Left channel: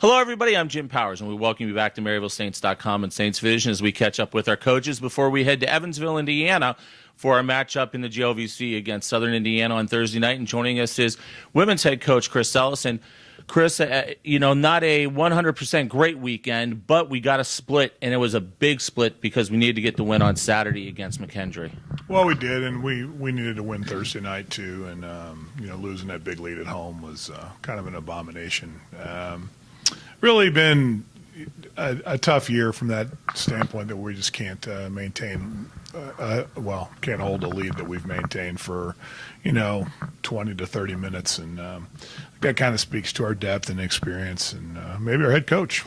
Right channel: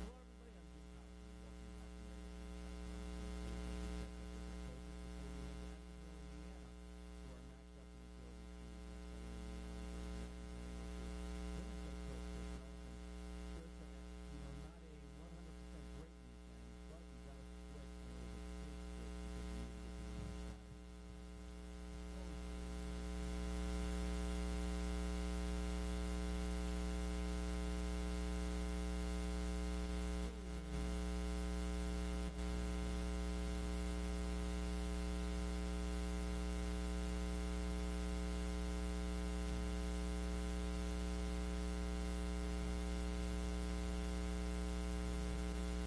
Hello, everybody. I'm Jim Powers, and we welcome you back to MaryvilleSaints.com and Saints Vision as we catch up with our coaches before we head to Evansville, Indiana, for our matchup in the GLVC against Southern Indiana on Thursday night. And joining us is women's head coach Chris Ellis. And Chris, not a 100% great weekend, but we got a split, and it was a big split because we needed to get the win on Saturday against McKendree. Well, we did, and we needed to win Thursday night too. And losing that big lead at home was kind of an abomination. Really been a tough year from that standpoint that we just can't maintain. Can't hold a lead that we've maintained for 20 to 30 minutes, and that kind of speaks to our depth and experience, and maybe our head coach.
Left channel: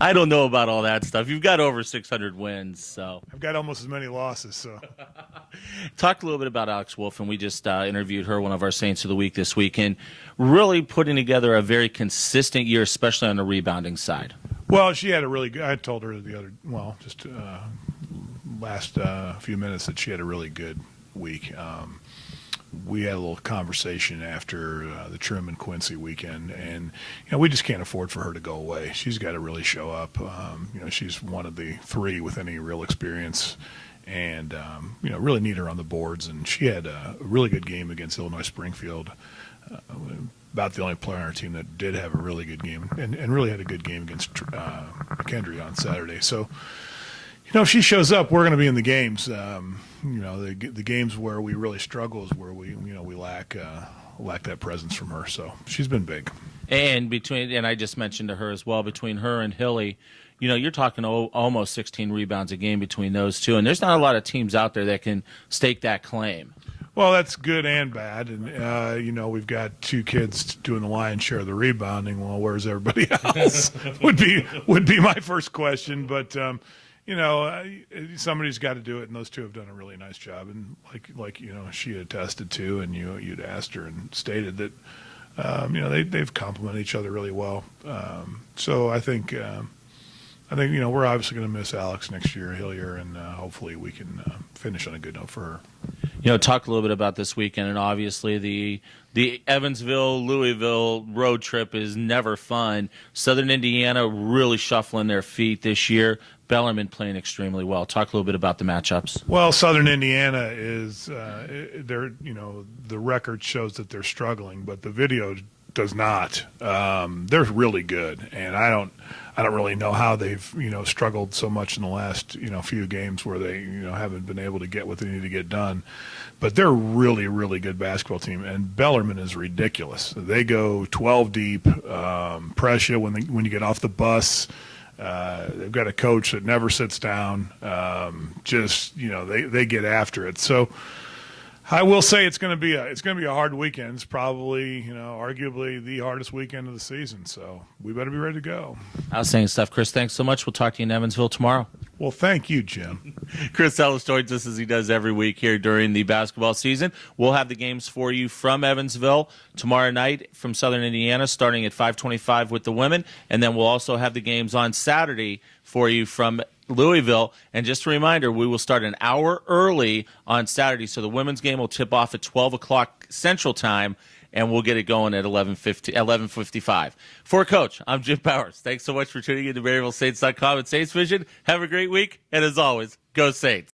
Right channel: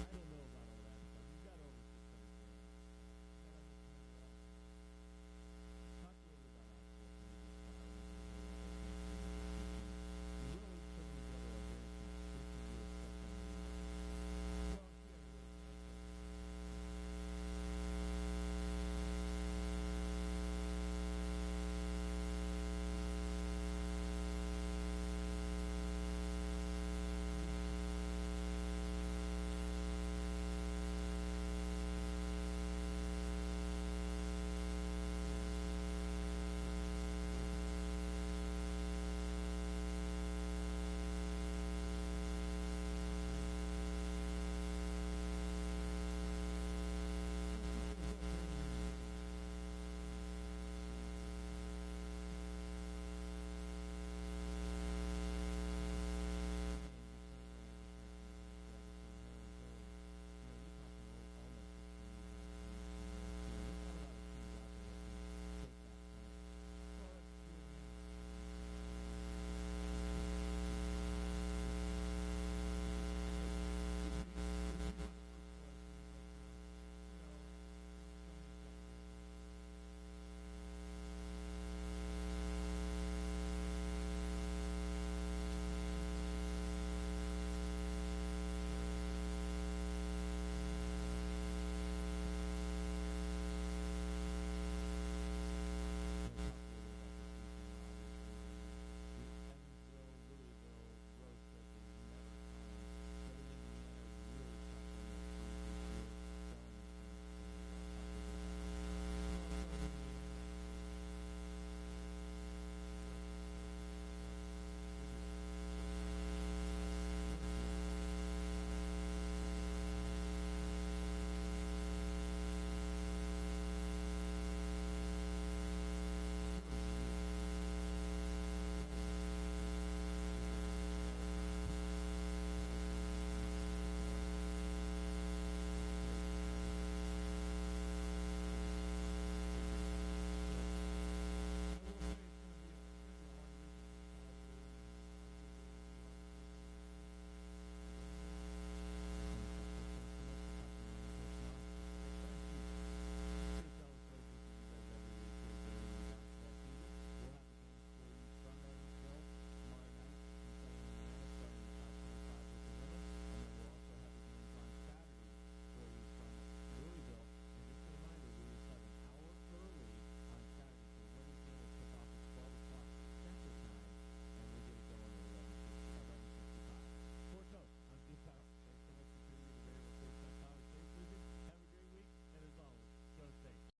I don't know about all that stuff. You've got over 600 wins, so I've got almost as many losses. So, talked a little bit about Alex Wolf, and we just interviewed her, one of our Saints of the Week this week, and really putting together a very consistent year, especially on the rebounding side. Well, she had a really good. I told her last few minutes that she had a really good week. We had a little conversation after the Truman Quincy weekend, and we just can't afford for her to go away. She's got to really show up. She's one of the three with any real experience, and really need her on the boards. And she had a really good game against Illinois Springfield. About the only player on our team that did have a really good game, and really had a good game against McKendree on Saturday. So, if she shows up, we're going to be in the games. The games where we really struggle is where we lack that presence from her. So she's been big. And I just mentioned to her as well, between her and Hilly, you're talking almost 16 rebounds a game between those two, and there's not a lot of teams out there that can stake that claim. Well, that's good and bad, and we've got two kids doing the lion's share of the rebounding. Well, where's everybody else? would be my first question, but. Somebody's got to do it, and those two have done a really nice job. And like she attested to, and you'd asked her and stated that they've complemented each other really well. So I think we're obviously going to miss Alex next year, Hillier, and hopefully we can finish on a good note for her. Talk a little bit about this weekend, and obviously the Evansville-Louisville road trip is never fun. Southern Indiana really shuffling their feet this year. Bellarmine playing extremely well. Talk a little bit about the matchups. Well, Southern Indiana is the record shows that they're struggling, but the video does not. They're really good, and I don't really know how they've struggled so much in the last few games where they haven't been able to get what they need to get done. But they're a really, really good basketball team, and Bellarmine is ridiculous. They go 12 deep, press you when you get off the bus. They've got a coach that never sits down. They get after it. So I will say it's going to be a hard weekend. It's probably arguably the hardest weekend of the season. So we better be ready to go. Outstanding stuff, Chris. Thanks so much. We'll talk to you in Evansville tomorrow. Well, thank you, Jim. Chris Ellis joins us as he does every week here during the basketball season. We'll have the games for you from Evansville tomorrow night from Southern Indiana, starting at 5:25 with the women, and then we'll also have the games on Saturday for you from Louisville. And just a reminder, we will start an hour early on Saturday, so the women's game will tip off at 12 o'clock Central Time, and we'll get it going at 11:55. For Coach, I'm Jim Powers. Thanks so much for tuning in to MaryvilleSaints.com and Saints Vision. Have a great week, and as always, go Saints.